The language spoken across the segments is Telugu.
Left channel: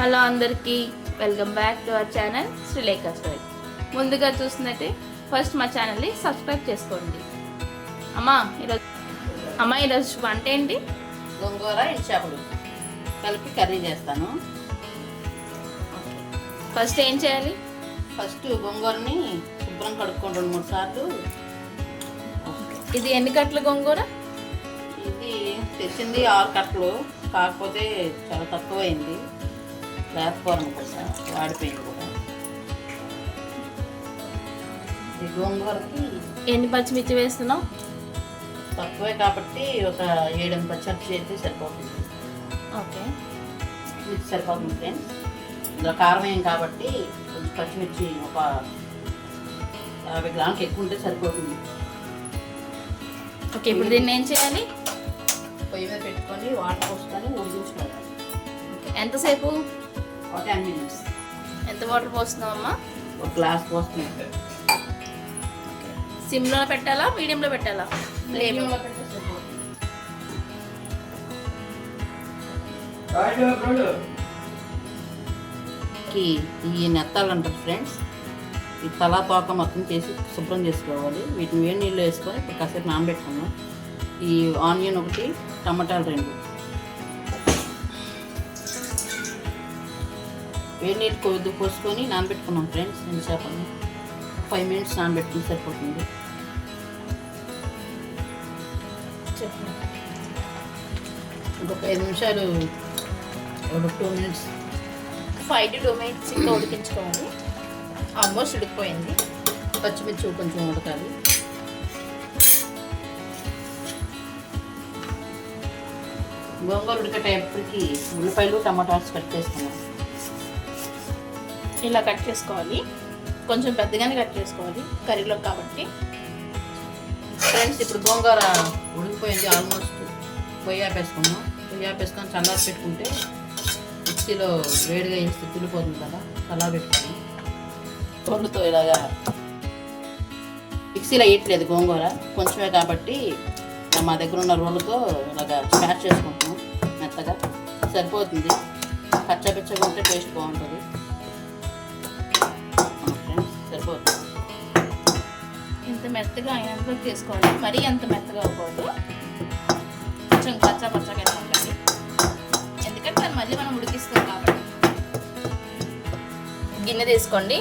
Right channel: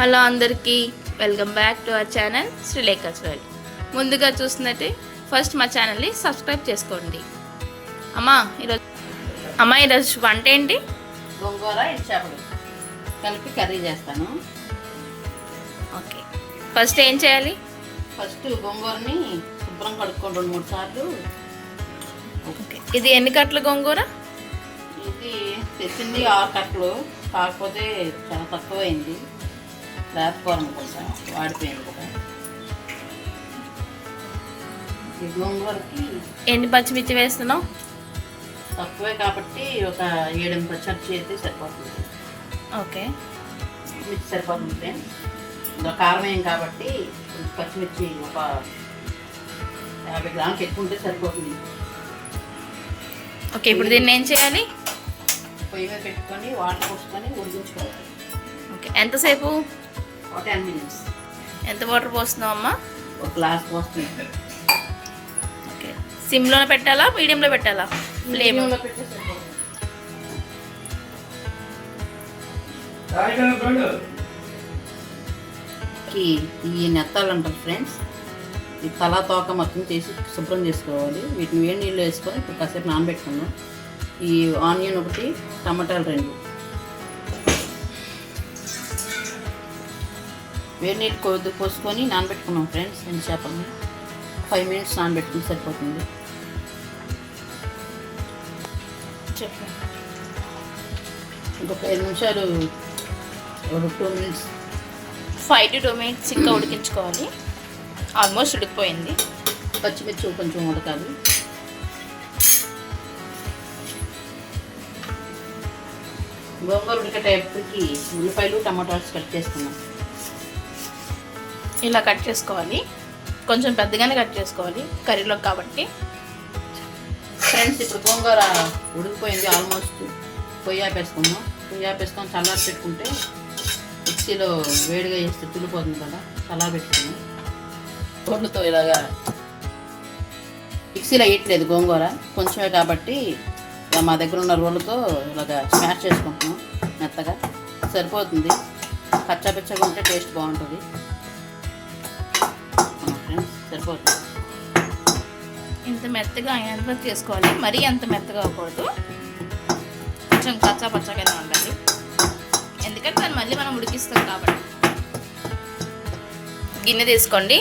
హలో అందరికీ welcome back to our channel Sreelekha's world. ముందుగా చూస్తున్నట్టే ఫస్ట్ మా ఛానల్ని సబ్స్క్రైబ్ చేసుకోండి. ఈరోజు వంట ఏంటి? గోంగూర ఎండు చేపలు కలిపి కర్రీ చేస్తాను. ఓకే, ఫస్ట్ ఏం చేయాలి? ఫస్ట్ గోంగూరని శుభ్రం కడుక్కొని 2-3 సార్లు. ఓకే, ఇది ఎన్ని కట్టలు గోంగూర? ఇది తెచ్చింది 6 కట్టలు, కాకపోతే చాలా తక్కువైంది. లేకపోవడం కోసం వాడిపోయింది కూడా. ఈ గోంగూరకి ఎన్ని పచ్చిమిర్చి వేస్తున్నావు? తక్కువే కాబట్టి ఒక 7-8 పచ్చిమిర్చి అయితే సరిపోతుంది. ఓకే, మిర్చి సరిపోతుంది. ఇంకా కారం ఏం కాబట్టి పచ్చిమిర్చి ఒక 50 గ్రాములకి ఎక్కువ ఉంటే సరిపోతుంది. ఓకే, ఇప్పుడు దీన్ని ఏం చేయాలి? పొయ్యి మీద పెట్టుకొని వాటర్ పోసుకొని ఉడికించుకోవాలి. ఓకే, ఎంతసేపు? ఒక 10 minutes. ఎంత వాటర్ పోస్తున్నావు అమ్మా? ఒక గ్లాస్ పోస్తుంది. ఓకే, సిమ్లో పెట్టాలా మీడియంలో పెట్టాలా? ఫ్లేమ్ ఈ నెత్తాలు అంటారు ఫ్రెండ్స్. ఈ తలా తోక మొత్తం చేసి శుభ్రం చేసుకోవాలి. వీటిని వేడి నీళ్ళు వేసుకొని ఇప్పుడు కాసేపు నానబెట్టుకున్నాం. ఈ ఆనియన్ ఒకటి, టమాటాలు 2 వేడి నీళ్ళు కొద్ది పోసుకొని నానబెట్టుకున్నాం ఫ్రెండ్స్. ఎండు చేపని 5 minutes నానబెట్టుకుని సరిపోతుంది. ఇంకొక 5 నిమిషాలు, ఒక 2 minutes, 5 to 2 minutes ఇంకా ఉడికించుకోవాలి. ఆల్మోస్ట్ ఉడికిపోయింది. పచ్చిమిర్చి కొంచెం ఉడకాలి. గోంగూర ఉడికేటప్పటికి ఉల్లిపాయలు టమాటాస్ కట్ చేసుకున్నాం. ఇలా కట్ చేసుకోవాలి, కొంచెం పెద్దగానే కట్ చేసుకోవాలి కర్రీలో కాబట్టి. ఫ్రెండ్స్ ఇప్పుడు గోంగూర ఉడికిపోయింది ఆల్మోస్ట్. పొయ్యి ఆపేసుకున్నాం. పొయ్యి ఆపేసుకొని చల్లారి పెట్టుకుంటే మిక్సీలో వేడిగా వేస్తే తులిపోతుంది కదా, చల్లారి పెట్టుకున్నాం. రోలుతో ఇలాగా మిక్సీలో వేయట్లేదు గోంగూర, కొంచెమే కాబట్టి మా దగ్గర ఉన్న రోలుతో ఇలాగా స్మాష్ చేసుకుంటున్నాం. మెత్తగా సరిపోతుంది. పచ్చగా ఉంటే టేస్ట్ బాగుంటుంది. ఫ్రెండ్స్ సరిపోతుంది. ఇంత మెత్తగా అయినంత చేసుకోవాలి, మరీ అంత మెత్తగా అవ్వకూడదు. కొంచెం పచ్చగానే ఉండాలి, ఎందుకంటే దాన్ని మళ్ళీ మనం ఉడికిస్తాం కాబట్టి. గిన్నె తీసుకోండి,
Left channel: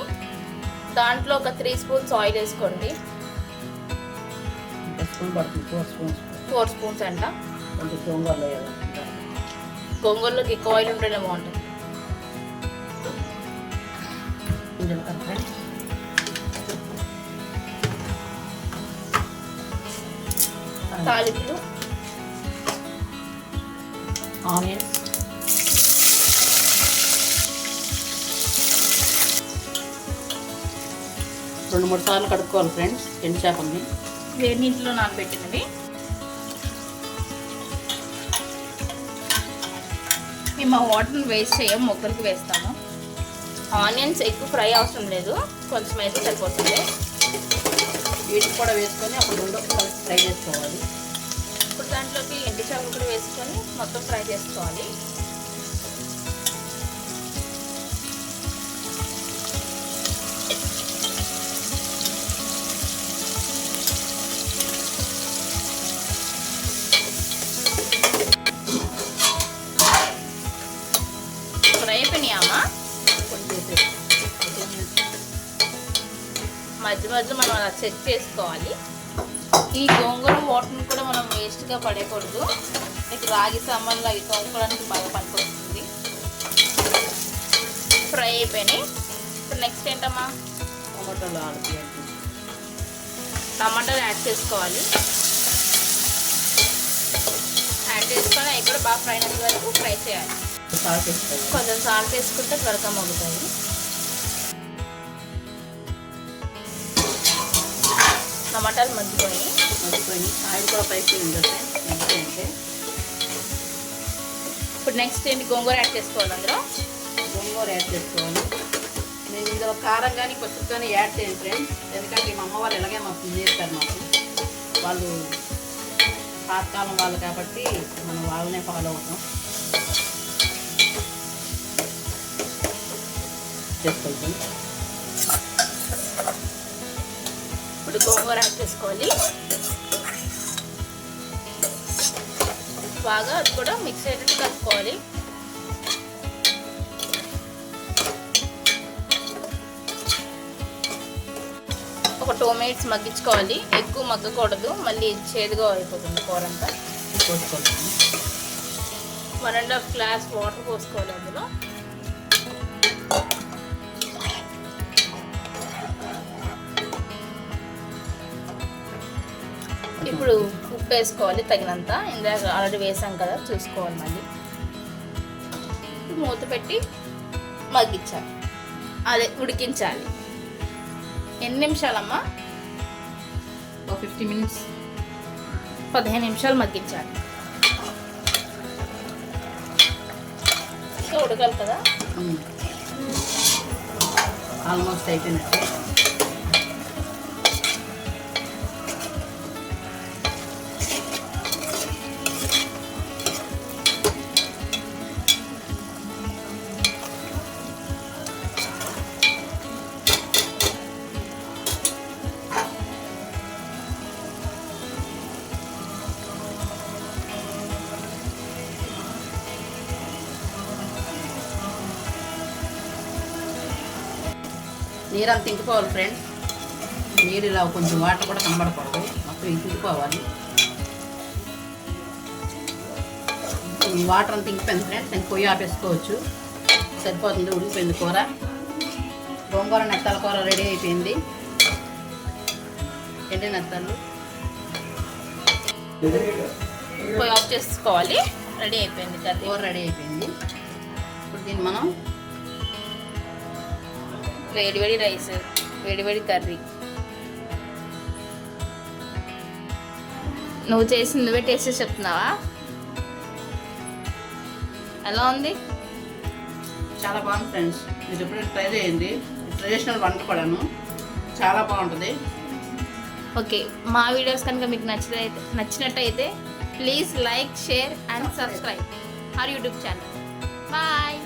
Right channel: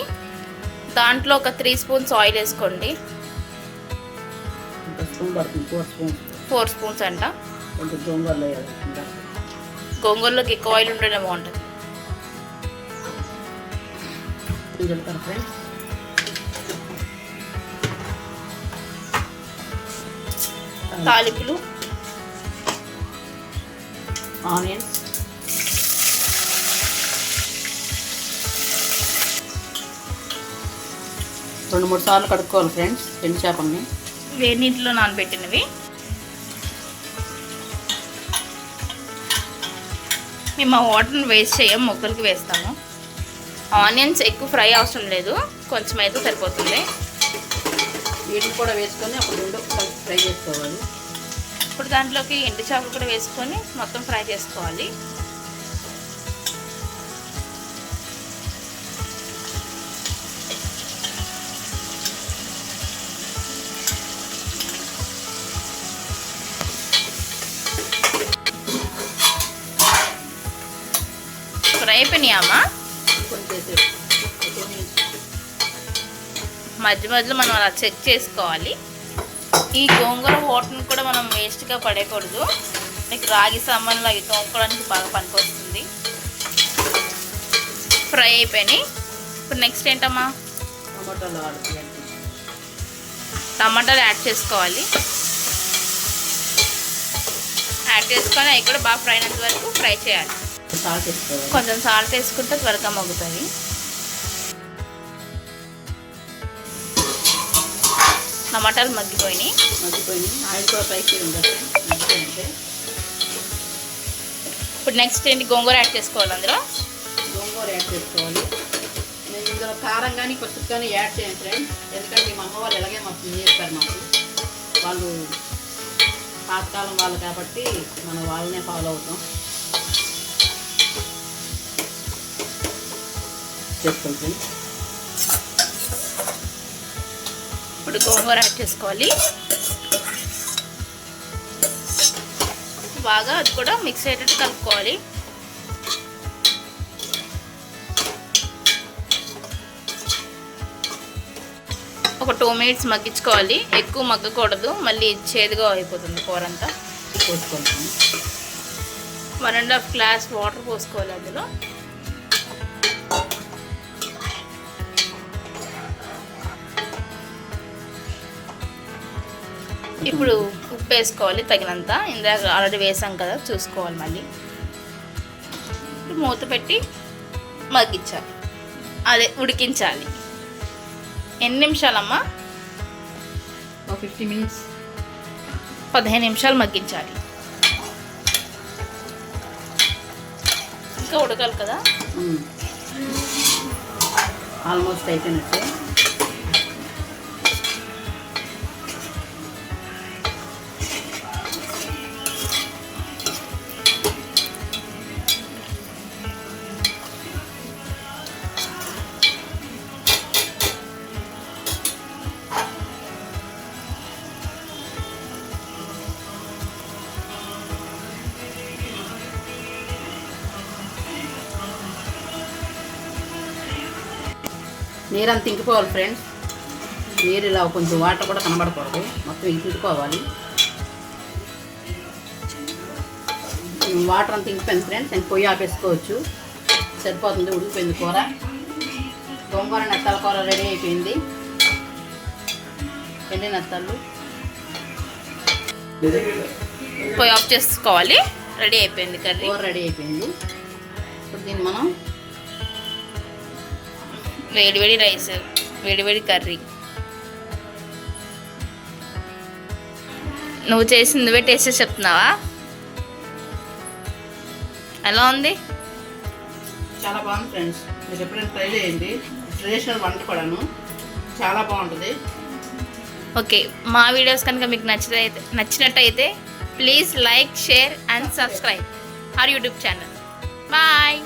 దాంట్లో ఒక 3 spoons ఆయిల్ వేసుకోండి. 4 spoons అంట. గోంగూరలోకి ఎక్కువ ఆయిల్ ఉంటేనే బాగుంటుంది. తాలింపులు, ఆనియన్స్, రెండు 3 సార్లు కడుక్కోవాలి ఫ్రెండ్స్ ఎండు చేపల్ని. వేడి నీటిలో నానబెట్టినవి. మేము ఆ వాటర్ని వేస్ట్ చేయం, మొక్కలకి వేస్తాము. ఆనియన్స్ ఎక్కువ ఫ్రై అవసరం లేదు, కొంచెం అయితే సరిపోతుంది. వీటికి కూడా వేసుకొని అప్పుడు 2 కలిసి ఫ్రై చేసుకోవాలి. ఇప్పుడు దాంట్లోకి ఎండు చేపలు కూడా వేసుకొని మొత్తం ఫ్రై చేసుకోవాలి. ఫ్రై అయిపోయినాయమ్మా. మధ్య మధ్యలో మనం అలా చెక్ చేసుకోవాలి. ఈ గోంగూర వాటర్ని కూడా మనం వేస్ట్గా పడేయకూడదు. మీకు రాగి సామాన్లు అవి తోముకోవడానికి బాగా పనికొస్తుంది. ఫ్రై అయిపోయినాయి. ఇప్పుడు నెక్స్ట్ ఏంటమ్మా? టమాటాలు యాడ్ చేసుకోవాలి. యాడ్ చేసుకొని అవి కూడా బాగా ఫ్రై అయినంత వరకు ఫ్రై చేయాలి. కొంచెం సాల్ట్ వేసుకుంటే త్వరగా మగ్గుతాయి. టమాటాలు మగ్గిపోయినాయి. ఆయిల్ కూడా ఫ్రై చేయండి. ఇప్పుడు నెక్స్ట్ ఏంటి? గోంగూర యాడ్ చేసుకోవాలి. అందులో గోంగూర యాడ్ చేసుకోవాలి. నేను ఇందులో కారం కానీ కొత్త కానీ యాడ్ చేయండి ఫ్రెండ్స్, ఎందుకంటే మా అమ్మ వాళ్ళు ఎలాగే మాకు చేస్తారు. మాకు వాళ్ళు పాతకాలం వాళ్ళు కాబట్టి మనం వాళ్ళనే ఫాలో అవుతాం. చేసుకోవాలి. ఇప్పుడు గోంగూర యాడ్ చేసుకోవాలి. బాగా అది కూడా మిక్స్ అయ్యేటట్టు కలుపుకోవాలి. ఒక 2 minutes మగ్గించుకోవాలి. ఎక్కువ మగ్గకూడదు, మళ్ళీ చేదుగా అయిపోతుంది కూర అంతా. పోసుకోవాలి. 1.5 glass వాటర్ పోసుకోవాలి అందులో. ఇప్పుడు ఉప్పు వేసుకోవాలి తగినంత. ఇందాక ఆల్రెడీ వేసాం కదా, చూసుకోవాలి మళ్ళీ. ఇప్పుడు మూత పెట్టి మగ్గించాలి, అదే ఉడికించాలి. ఎన్ని నిమిషాలమ్మా? 50 minutes. 15 నిమిషాలు మగ్గించాలి. ఇంకా ఉడకాలి కదా. ఆల్మోస్ట్ అయిపోయినట్టు. నీరు అంత ఇంకిపోవాలి ఫ్రెండ్స్. నీరు ఇలా కొంచెం వాటర్ కూడా కనబడకూడదు, మొత్తం ఇంకిపోవాలి. వాటర్ అంత ఇంకిపోయింది ఫ్రెండ్స్. నేను పొయ్యి ఆపేసుకోవచ్చు, సరిపోతుంది. ఉడికిపోయింది కూర. గోంగూర నెత్తల కూర రెడీ అయిపోయింది. ఎండి నెత్తలు పొయ్యి ఆఫ్ చేసుకోవాలి. రెడీ అయిపోయింది కర్రీ. కూర రెడీ అయిపోయింది. ఇప్పుడు దీన్ని మనం వేడివేడి రైస్, వేడివేడి కర్రీ. నువ్వు చేసి నువ్వే టేస్ట్ చేసి చెప్తున్నావా? ఎలా ఉంది? చాలా బాగుంది ఫ్రెండ్స్. మీరు ఎప్పుడైనా ట్రై చేయండి. ట్రెడిషనల్ వంట కూడాను చాలా బాగుంటుంది. ఓకే, మా వీడియోస్ కనుక మీకు నచ్చినట్టయితే please like, share and subscribe our YouTube channel. Bye.